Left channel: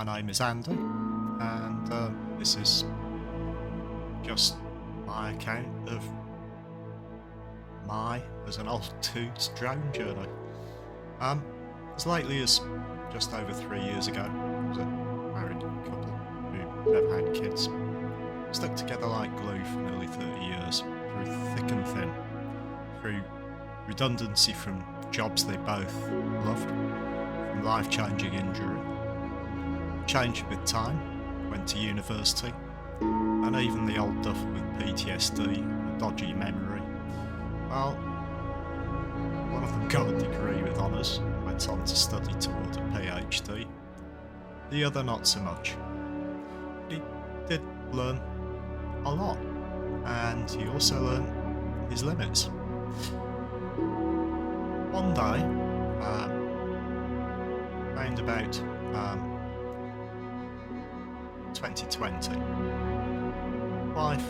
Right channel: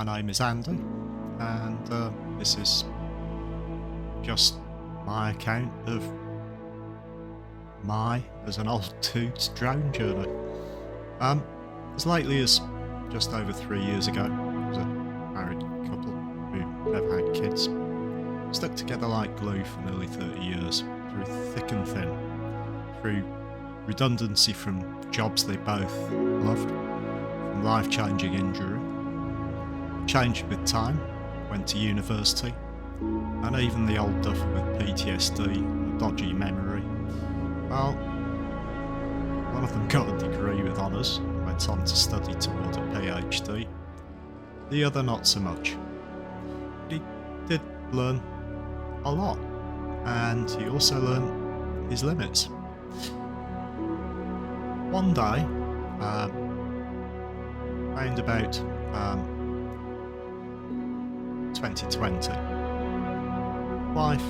My name is Andy, and this is just my account of my, as an old dude's, drone journey. As lately as just over 3 years ago, I was a married couple who never had kids. Stuck together like glue for nearly 30 years, through thick and thin, through redundancy from jobs they both loved, from life-changing injury, changed with time, went to university, and even the old duffer with PTSD and a dodgy memory. Well, one of them got a degree with honours and went on to study toward a PhD. The other not so much. But he did learn a lot, and he also learned his limits. One day, round about 2020, wife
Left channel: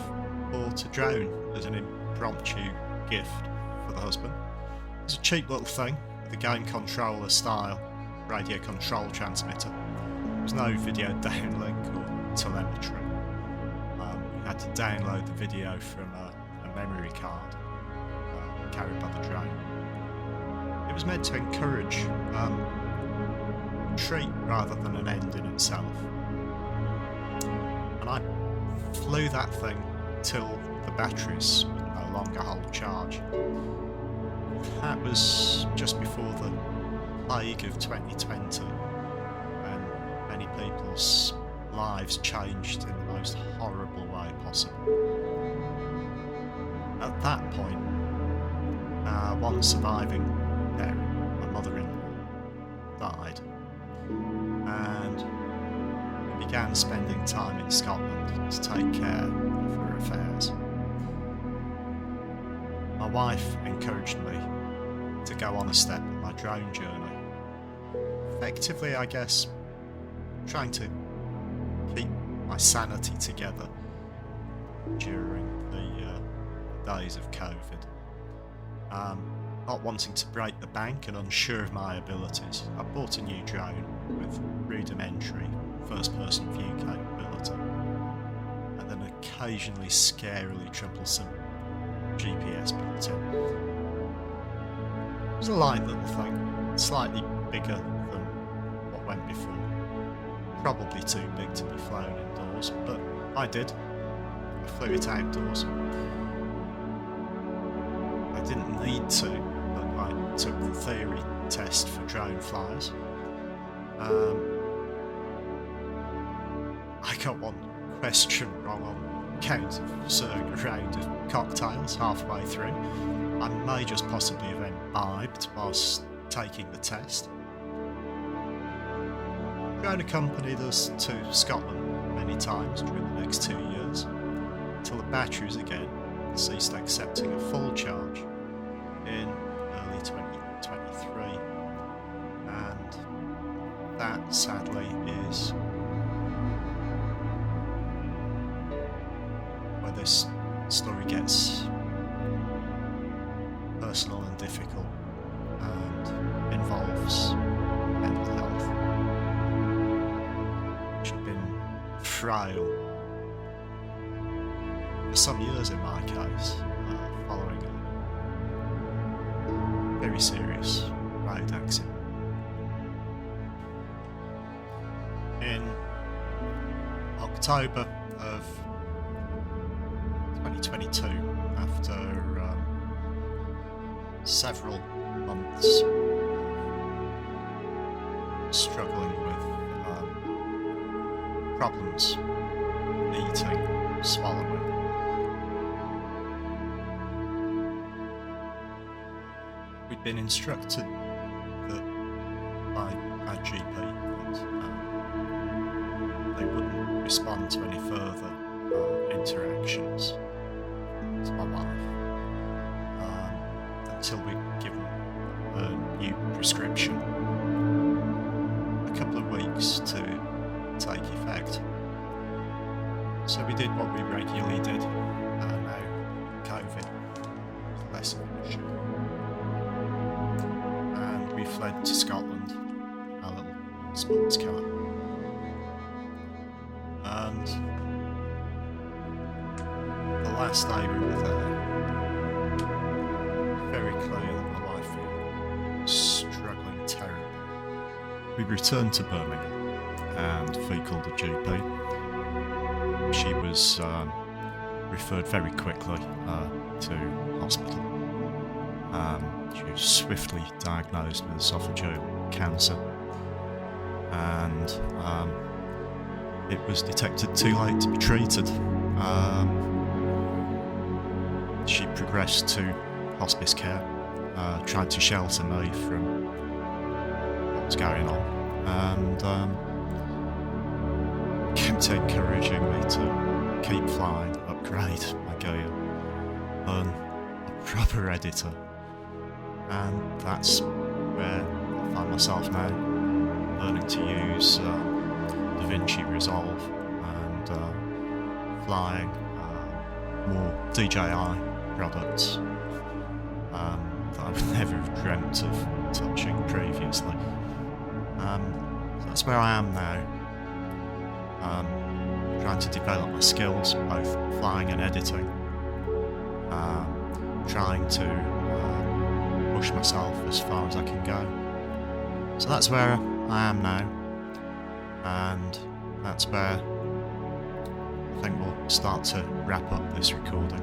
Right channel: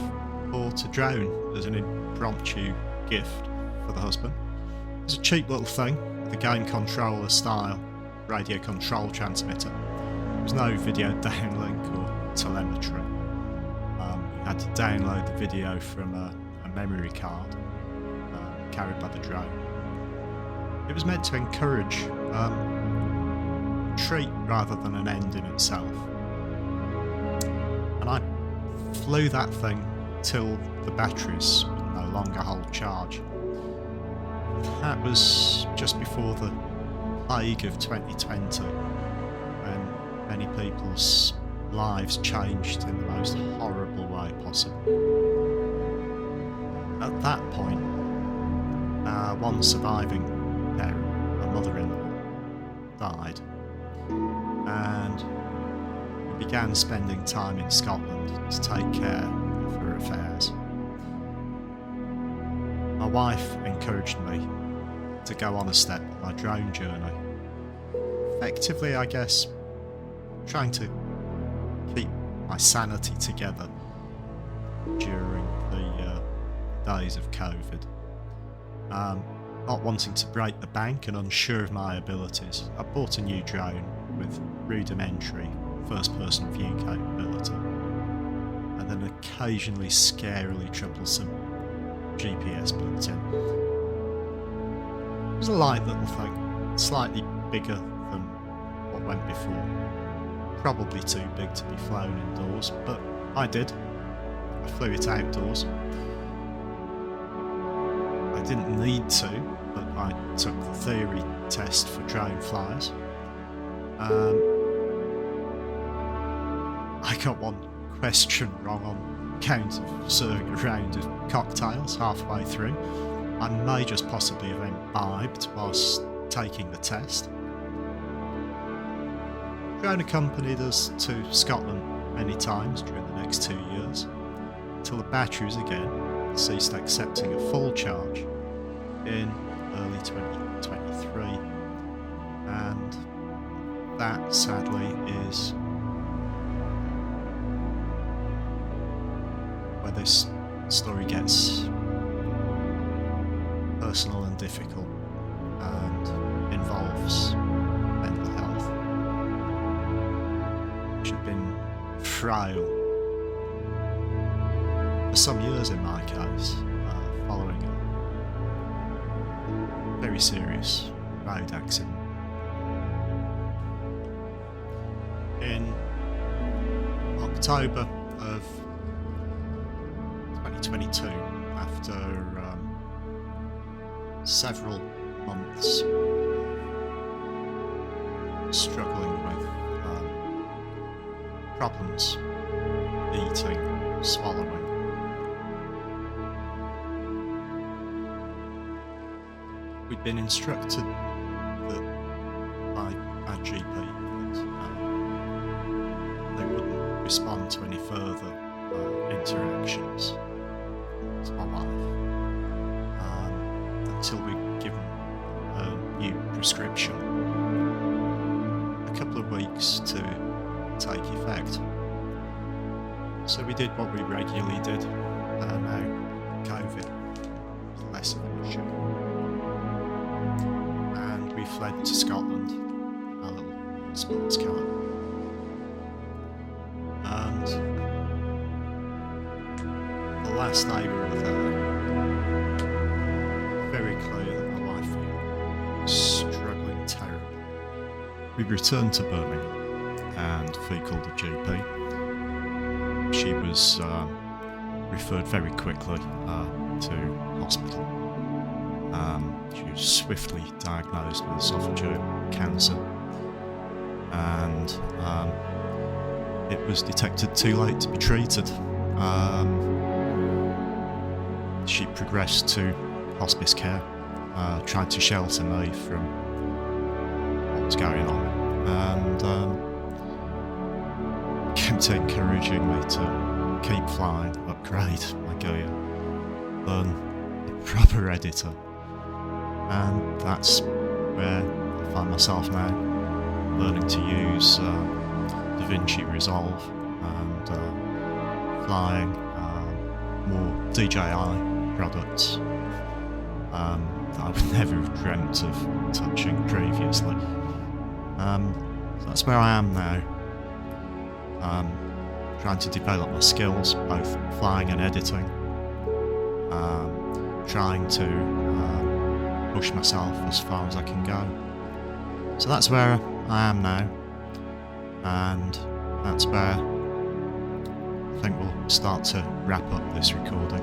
bought a drone as an impromptu gift for the husband. It was a cheap little thing with a game controller style radio control transmitter. There was no video downlink or telemetry. You had to download the video from a memory card carried by the drone. It was meant to encourage a treat rather than an end in itself. And I flew that thing till the batteries would no longer hold charge. That was just before the plague of 2020, when many people's lives changed in the most horrible way possible. At that point, our one surviving parent, my mother-in-law, died, and we began spending time in Scotland to take care of her affairs. My wife encouraged me to go on a step with my drone journey. Effectively, I guess, trying to keep my sanity together during the days of COVID. Not wanting to break the bank and unsure of my abilities, I bought a new drone with rudimentary first-person view capability and an occasionally scarily troublesome GPS built in. It was a light little thing, slightly bigger than what went before. Probably too big to be flown indoors, but I did. I flew it outdoors. I didn't need to, but I took the theory test for drone flyers. I got one question wrong on account of serving a round of cocktails halfway through. I may just possibly have imbibed whilst taking the test. Drone accompanied us to Scotland many times during the next 2 years, until the batteries again ceased accepting a full charge in early 2023, and that sadly is where this story gets personal and difficult and involves mental health, which had been frail for some years in my case, following a very serious road accident. In October of 2022, after several months struggling with problems eating, swallowing, we'd been instructed that by our GP that they wouldn't respond to any further interactions to my wife until we'd given a new prescription a couple of weeks to take effect. So we did what we regularly did, and now COVID was less of an issue. And we fled to Scotland, our little sports car. And the last day we were there, very clear that my wife was struggling terribly. We returned to Birmingham and Fee called the GP. She was referred very quickly to hospital. She was swiftly diagnosed with esophageal cancer, and it was detected too late to be treated. She progressed to hospice care, tried to shelter me from what was going on, and kept encouraging me to keep flying, upgrade my gear, learn a proper editor. And that's where I find myself now, learning to use DaVinci Resolve and flying more DJI products that I would never have dreamt of touching previously. So that's where I am now, trying to develop my skills, both flying and editing, trying to push myself as far as I can go. So that's where I am now, and that's where I think we'll start to wrap up this recording.